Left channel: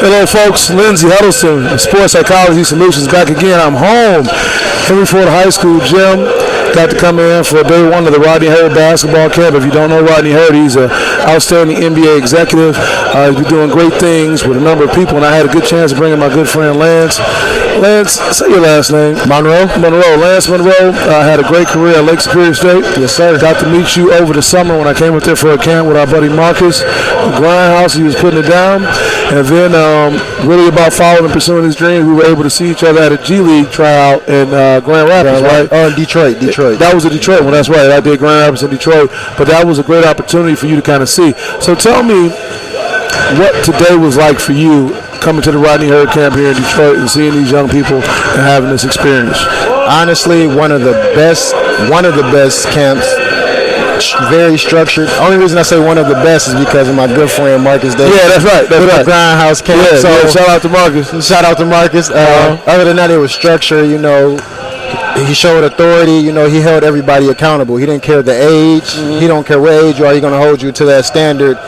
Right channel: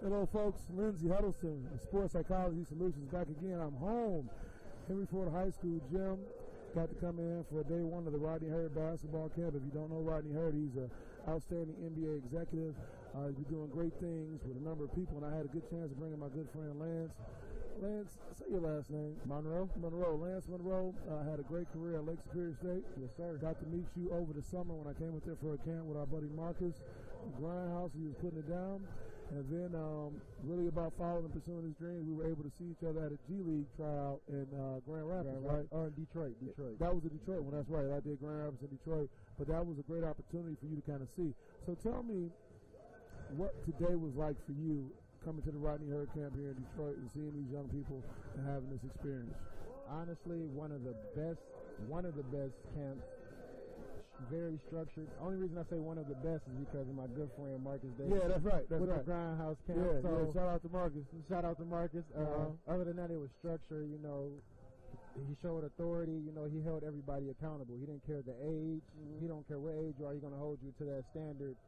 Hello, folks. Lindsey Huddleston, Sports Psychology Solutions, back again. I'm home. Henry Ford High School gym. Got to come in for day one of the Rodney Hurd basketball camp. If you don't know Rodney Hurd, he's an outstanding NBA executive. He's been doing great things with a number of people, and I had a good chance of bringing my good friend Lance. Lance, say your last name. Monroe. Lance Monroe had a great career at Lake Superior State. Yes, sir. Got to meet you over the summer when I came up there for a camp with our buddy Marcus. Grindhouse, he was putting it down. And then really about following and pursuing his dreams, we were able to see each other at a G League tryout in Grand Rapids, right? Oh, in Detroit. That was a Detroit one, that's right. I did Grand Rapids in Detroit. But that was a great opportunity for you to kind of see. So tell me what today was like for you coming to the Rodney Hurd camp here in Detroit and seeing these young people and having this experience. Honestly, one of the best camps. Very structured. Only reason I say one of the best is because of my good friend Marcus Davis. Yeah, that's right. That's right. Grindhouse camp. Yeah, so shout out to Marcus. Shout out to Marcus. Other than that, it was structured. You know, he showed authority. You know, he held everybody accountable. He didn't care the age. Mm-hmm. He don't care what age you are. He's going to hold you to that standard.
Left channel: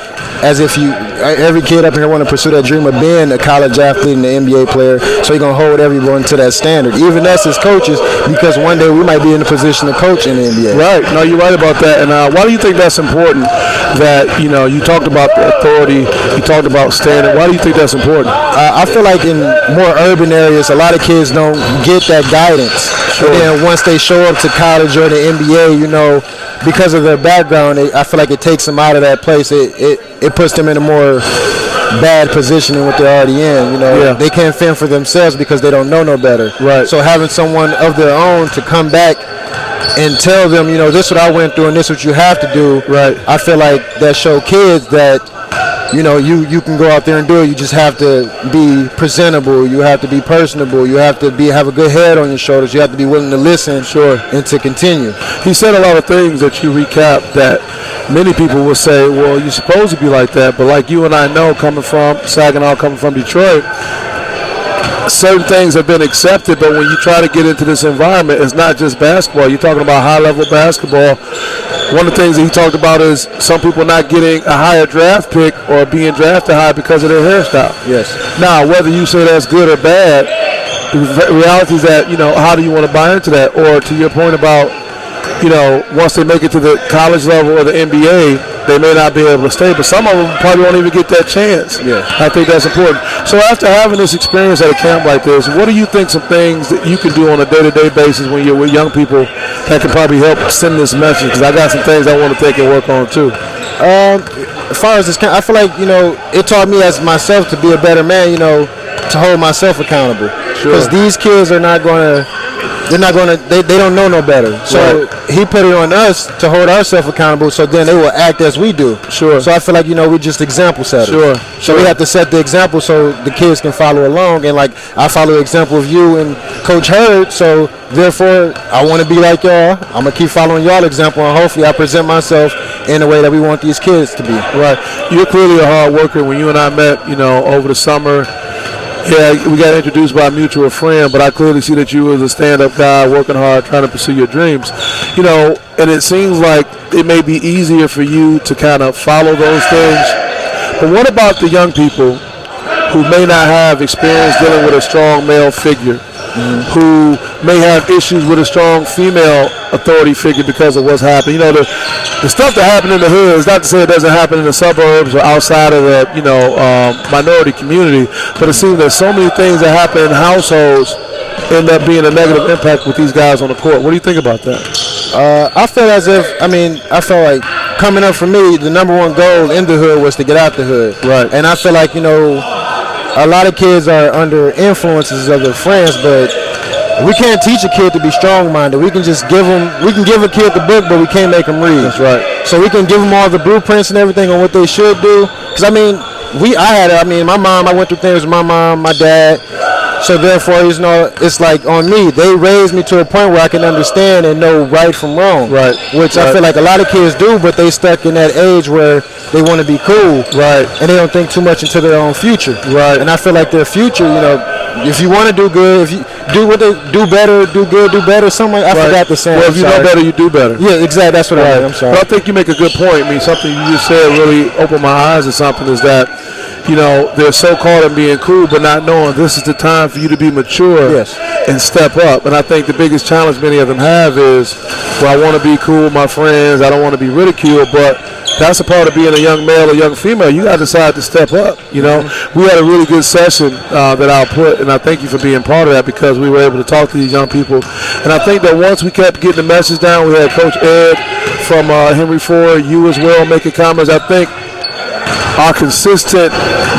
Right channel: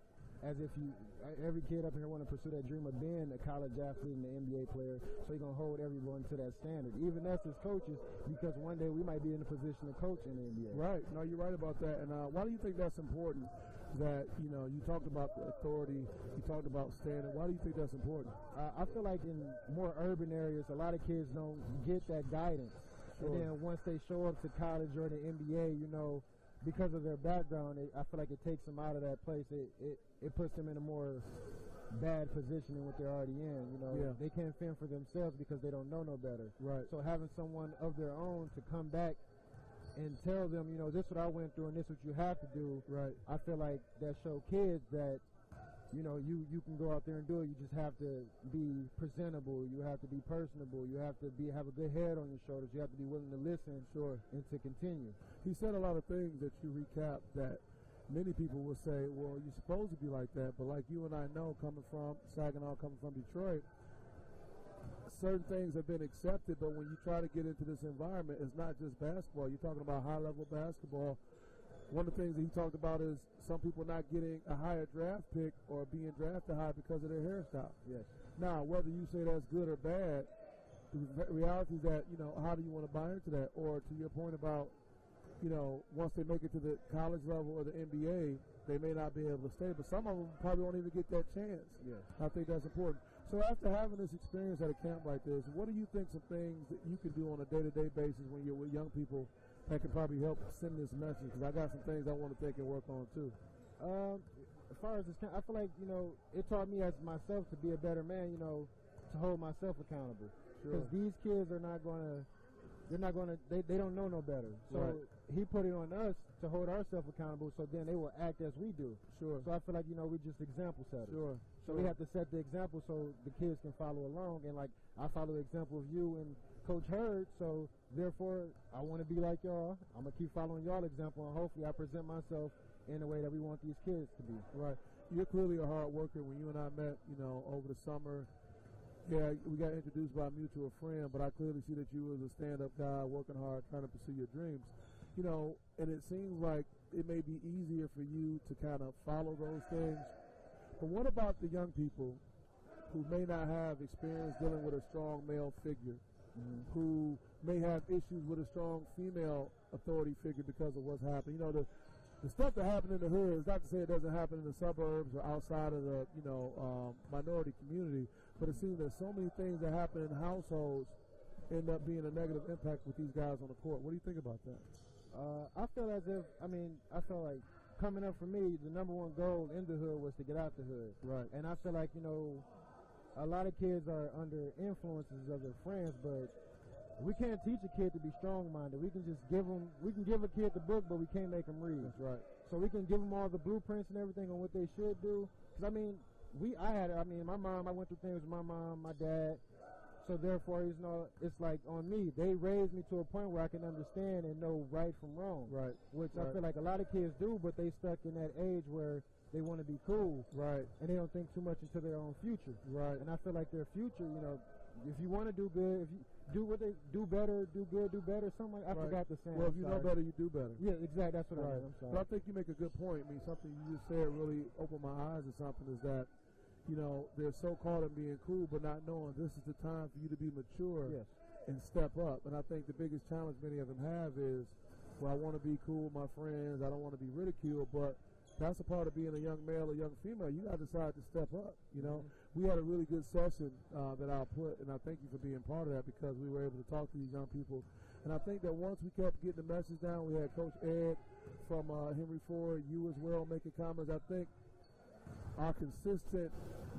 As if every kid up here want to pursue that dream of being a college athlete and an NBA player, so he's going to hold everyone to that standard, even us as coaches, because one day we might be in a position to coach in the NBA. Right. No, you're right about that. And why do you think that's important that, you know, you talked about the authority, you talked about standard. Why do you think that's important? I feel like in more urban areas, a lot of kids don't get that guidance. Sure. And then once they show up to college or the NBA, you know, because of their background, I feel like it takes them out of that place. It puts them in a more bad position than what they're already in. You know, They can't fend for themselves because they don't know no better. Right. So having someone of their own to come back and tell them, you know, this is what I went through and this is what you have to do. Right. I feel like that show kids that, you know, you can go out there and do it. You just have to be presentable. You have to be personable. You have to have a good head on your shoulders. You have to be willing to listen, and to continue. He said a lot of things that you recapped that many people will say, well, you're supposed to be like that. But like you and I know, coming from Saginaw, coming from Detroit, certain things have been accepted. But when you try to get into this environment, it's not just basketball. You're talking about high-level basketball. One of the things that he talked about is some people not getting a higher draft pick or being drafted high because of their hairstyle. Yes. Now, whether you say that's good or bad, the reality is that, you know, how do you want to buy into that? Or to your point about, you know, once they make it to the college level or the NBA, they may not be able to stay, but some of them probably won't even get that chance. Yeah. I think that's important. So after having this experience at a camp like this, what do you think some things that you can do on a day-to-day basis when you're with young people that can probably help send this message? Because I got some things I want to take and work on too. As far as this camp, I feel like, you know, it taught me as myself to be a better man, you know, to hold myself accountable. Because these kids are not going to, they don't know no better. So he put it on us to hold ourselves accountable, so then they will act as we do. Sure. So I feel like, you know, we just example setters. So we have to set the example so the kids can follow along. And like, I follow the example of you and Coach Hurd, so therefore I want to be like y'all. I'm going to keep following y'all example, and hopefully I present myself in the way that we want these kids to be. Right. You're clearly a hard worker. When you and I met, you know, over the summer, yeah, we got introduced by a mutual friend, but I clearly see that you was a stand-up guy working hard, trying to pursue your dreams. You know, and it seems like it may be easier for you to kind of follow those things. But what about the young people who may not have experience dealing with a strong male figure, who may have issues with a strong female authority figure because of what's happened? You know, the stuff that happened in the hood is not to say it doesn't happen in the suburbs or outside of the, you know, minority community, but it seems that so many things that happen in households end up being a negative impact with these guys on the court. What do you think about that? I feel as if, I felt like coming up for me, the number one goal in the hood was to get out the hood. Right. And I feel like, you know, a lot of kids are under influences of their friends, but we can't teach a kid to be strong-minded. We can just give a kid the book, but we can't make them read. That's right. So we can give them all the blueprints and everything on what they should do. Because, my mom, I went through things with my mom, my dad. So therefore, you know, it's like on me. They raised me to a point where I can understand and know right from wrong. Right. Which I feel like a lot of kids do, but they stuck in that age where they want to be cool. Right. And they don't think too much into their own future. Right. And I feel like their future, you know, if you want to do good, if you do what they do better, do good, do better, something like, I forgot the saying. Well, if you know better, you do better. Yeah, exactly. That's what I mean. I'm sorry. But I think you make a good point. I mean, something you just said really opened my eyes to something is that, they're so caught in being cool, but not knowing this is the time for you to be mature and step up. And I think the biggest challenge many of them have is, well, I want to be cool with my friends. I don't want to be ridiculed, but that's a part of being a young male or young female. You got to decide to step up. We had a really good session that I'll put, and I thank you for being part of that because we were able to talk to these young people. And I think that once we kept getting the message down, we had Coach Ed from Henry Ford, you as well, making comments. I think our consistent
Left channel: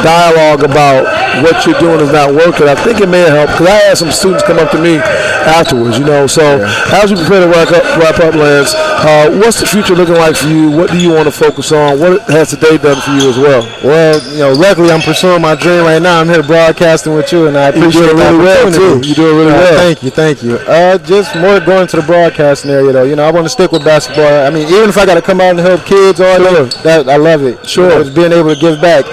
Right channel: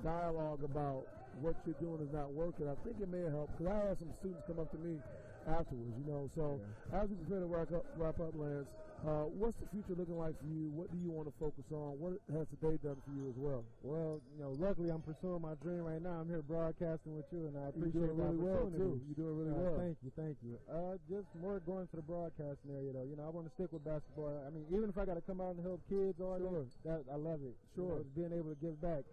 dialogue about what you're doing is not working. I think it may have helped because I had some students come up to me afterwards, So as we prepare to wrap up, Lance, what's the future looking like for you? What do you want to focus on? What has today done for you as well? Well, luckily I'm pursuing my dream right now. I'm here broadcasting with you, and I appreciate it really well, too. You're doing really well. Thank you. Just more going to the broadcasting area, though. I want to stick with basketball. I mean, even if I got to come out and help kids all day, I love it. Sure. Just being able to give back.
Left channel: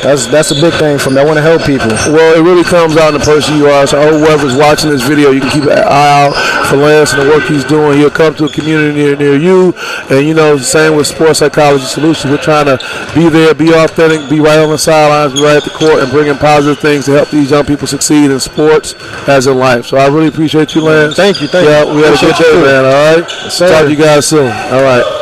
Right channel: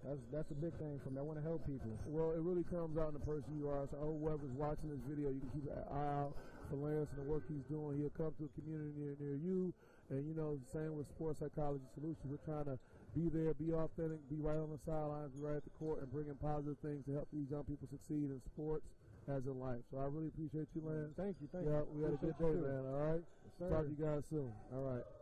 That's a big thing for me. I want to help people. Well, it really comes out in the person you are. So whoever's watching this video, you can keep an eye out for Lance and the work he's doing. He'll come to a community near you. And, same with Sports Psychology Solutions. We're trying to be there, be authentic, be right on the sidelines, be right at the court, and bring in positive things to help these young people succeed in sports as in life. So I really appreciate you, Lance. Thank you. Yeah, we had a good day, man. All right? Yes, sir. Talk to you guys soon. All right.